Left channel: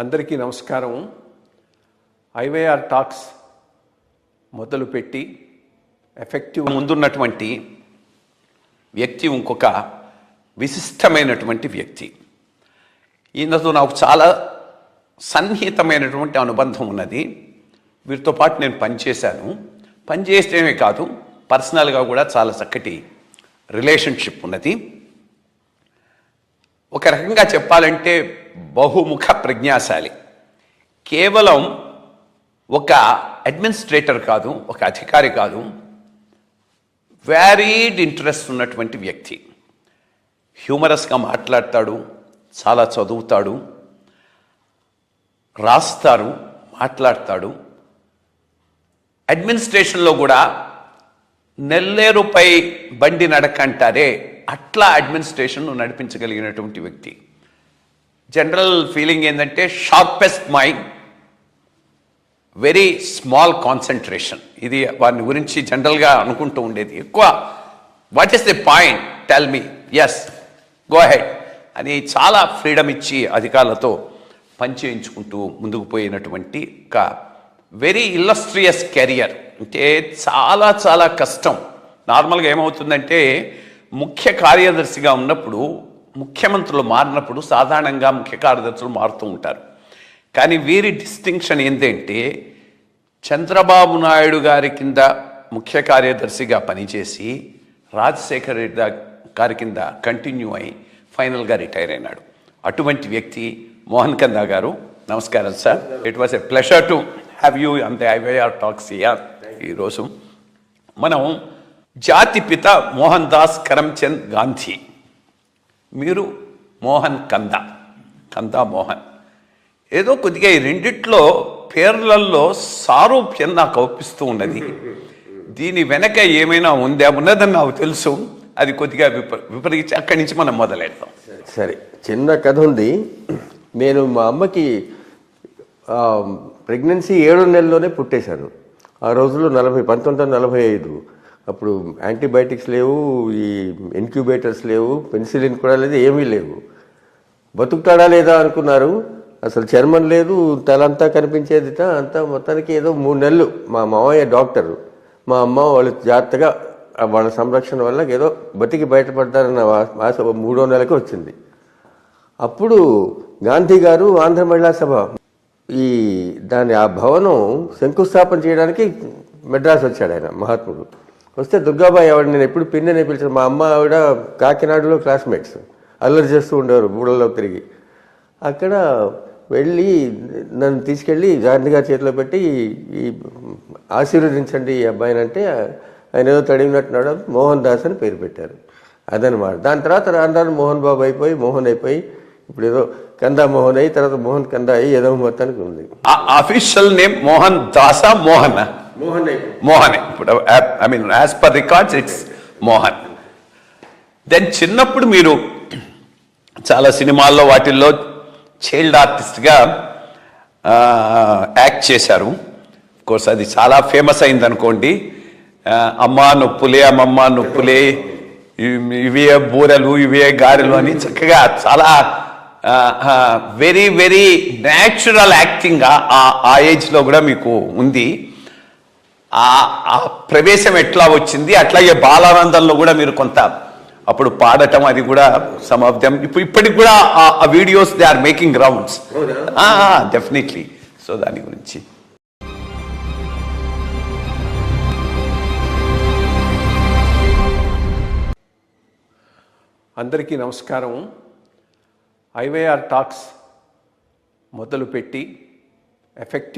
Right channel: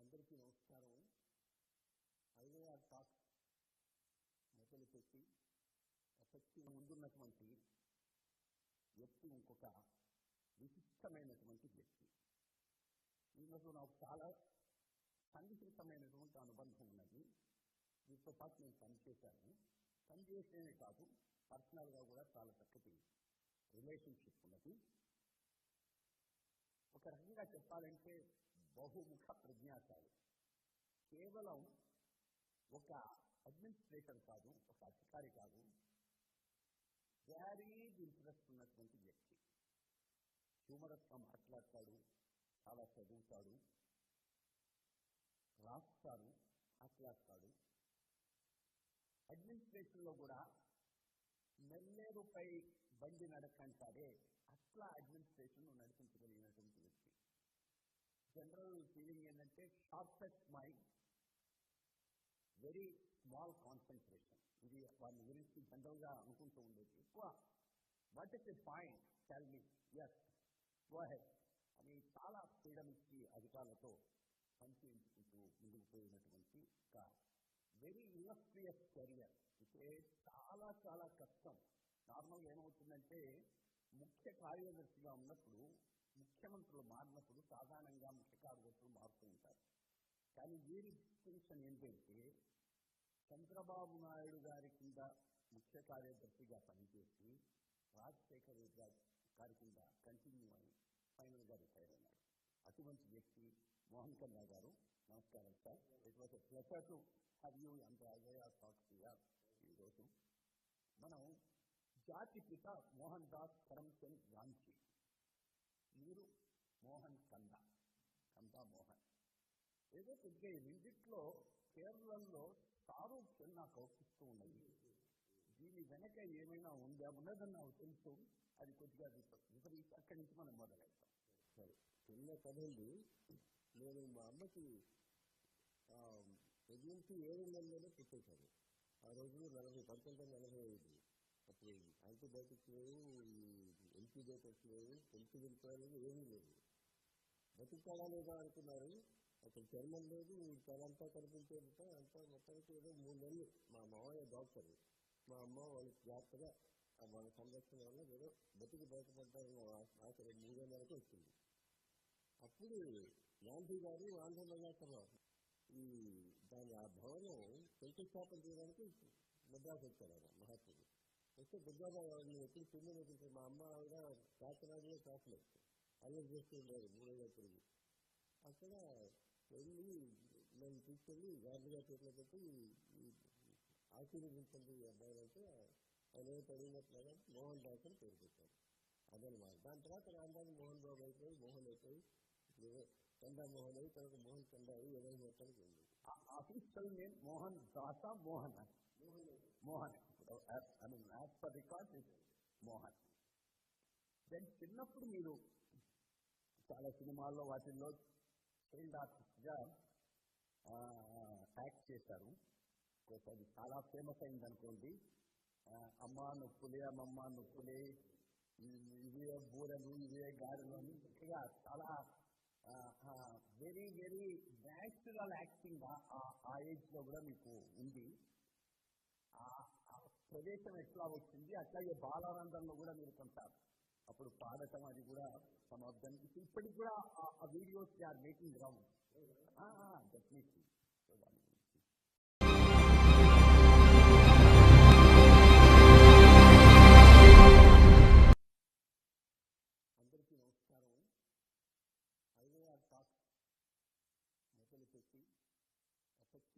అందరికీ నమస్కారం. IYR talks మొదలుపెట్టి ఎఫెక్టివ్ ముందున్నటువంటి వ్యక్తి ఇంకొక విశిష్టమైనటువంటి వ్యక్తి. ఈయనతో నాకు చాలా సన్నిహితమైనటువంటి అనుబంధం ఉన్నది. వీరితో పాటు నేను పనిచేశాను. పనిచేస్తేనే కాదు, పర్సనల్గా కూడా చాలా చక్కటి రిలేషన్షిప్ ఉన్నది. ఒక రకంగా చెప్పాలంటే బహుముఖ ప్రజ్ఞాశాలి. కేవలం ఒక అడ్మినిస్ట్రేటర్ కాదు, ఒక అధికారి కాదు, వ్యారీడ్ ఇంట్రెస్ట్ ఉన్నటువంటి వ్యక్తి. హ్యూమరస్గా మాట్లాడతాడు, చాలా చదువుతాడు, రాస్తారు, మాట్లాడతాడు. అడ్మినిస్ట్రేషన్లో కూడా నెల్లేరుపై బండి నడకంటారే అట్లా అడ్మినిస్ట్రేషన్ నడిపించగలిగినటువంటి వ్యక్తి. జనరల్ ఫీలింగ్ ఏంటంటే sharpest mind, very small concentration. ఇది వారిని గురించి జనరల్గా అనుకుంటూ ఉండేది. ఎక్కువ what is the point, tell me, yes, go ahead అని చాలా ఫ్రీడమ్ ఇచ్చి అధికారులతో పనిచేయించుకుంటూ ముందుకు పోయినటువంటి ఒక వెరీ ఇల్లస్ట్రియస్ కెరియర్. అంటే చాలా చాలా కష్టం. నార్మల్గా ఏమవుతుందంటే ముఖ్య కార్యదర్శిగా ఉన్నప్పుడు, ముఖ్యమంత్రులు మారినప్పుడు సాధారణంగా ముఖ్య కార్యదర్శులు మారుతూ ఉంటారు. కానీ వీరి డిస్టింక్షన్ ఏంటంటే చంద్రబాబు నాయుడు గారి కింద ముఖ్య కార్యదర్శిగా పనిచేసి రాజశేఖర రెడ్డి గారి కింద కంటిన్యూ అయి ఫైనల్గా రిటైర్ అయినాడు. అటువంటి వ్యక్తి మోహన్ కందా గారు. నమస్కారం sir. It was a pleasure to have you on the IYR talks here. ఈరోజు మనం జాతిపిత మోహన్ దాస్ కరమ్చంద్ గాంధీ, మీరు మోహన్ కందా, కందా మోహన్. ఏదో కొద్దిగా ఈ రెండిట్లో పేర్లలో సారూప్యం నాకు అవుపిస్తూ ఉన్నది. దీని వెనక ఏమైనా ఉందా? ఉన్నదని నాకు తెలుసు. అది కొద్దిగా విపరీత అక్కడి నుంచి మనం మొదలెడతాం. సరే, చిన్న కథ ఉంది. నేను మా అమ్మకి ప్రెగ్నెన్సీ 7 నెలల్లోనే పుట్టేశాను. ఆ రోజుల్లో 1945. అప్పుడు యాంటీబయాటిక్స్ లేవు, ఈ ఇన్క్యుబేటర్స్ లేవు, పెన్సిలిన్ కూడా లేదు, ఏమీ లేవు. బతుకుతాడా లేదా అనుకున్నారు. అసలు చర్మం లేదు, తలంతా కనిపించేది అంతా. మొత్తానికి ఏదో 3 నెలలు మా మావయ్య డాక్టరు, మా అమ్మ వాళ్ళు జాగ్రత్తగా వాళ్ళ సంరక్షణ వల్ల ఏదో బతికి బయటపడ్డారన్న ఆశ 3వ నెలకు వచ్చింది. అప్పుడు గాంధీ గారు ఆంధ్ర మహిళా సభ దాని ఆ భవనం శంకుస్థాపన చేయడానికి మెడ్రాస్ వచ్చాడు ఆయన, మహాత్ముడు. వస్తే దుర్గాబాయి ఆవిడ, నేను ఎప్పుడు పిన్ననే పిలిచాను. మా అమ్మ ఆవిడ కాకినాడలో క్లాస్మేట్స్, అల్లరి చేస్తూ ఉండేవారు బూడల్లో తిరిగి. అక్కడ వెళ్ళి నన్ను తీసుకెళ్ళి గాంధీ గారి చేతిలో పెట్టి ఈ ఆశీర్వదించండి ఈ అబ్బాయిని అంటే ఆయన ఏదో తడిగినట్టున్నాడు. మోహన్ దాస్ అని పేరు పెట్టారు. అదనమాట. దాని తర్వాత రాను మోహన్ బాబు అయిపోయి, మోహన్ అయిపోయి, ఇప్పుడు ఏదో కందా మోహన్ అయ్యి, తర్వాత మోహన్ కందా అయ్యి, ఏదో మొత్తానికి ఉంది. Official name Mohan Dasa Mohan? మోహన్. ఇప్పుడు I mean as per records it's Mohan. Then చిన్నప్పుడు మీరు చాలా సినిమాల్లో వాటిల్లో చైల్డ్ ఆర్టిస్ట్గా యాక్ట్ చేశారు. కోర్స్ అది చాలా ఫేమస్ అయింది అనుకోండి. అమ్మ నొప్పులే, అమ్మమ్మ నొప్పులే, ఇవే బూరెలు, ఇవే గారెలు అని చక్కగా చాలా వెరీ వెరీ న్యాచురల్ యాక్టింగ్ ఆ ఏజ్లో కూడా మీకు ఉంది. ఆ ప్రవేశం ఎట్లా వచ్చింది? అట్లాగే బాలానందంలో కూడా మీరు కొంత అప్పుడు పాడటం, అది కూడా సమ్ ఆఫ్ దెమ్ ఇప్పటికి కూడా ఆ videos they are making rounds. Definitely. So దాని గురించి అందరికీ నమస్కారం. ఐవైఆర్ టాక్స్ మొదలుపెట్టి ఎఫెక్టివ్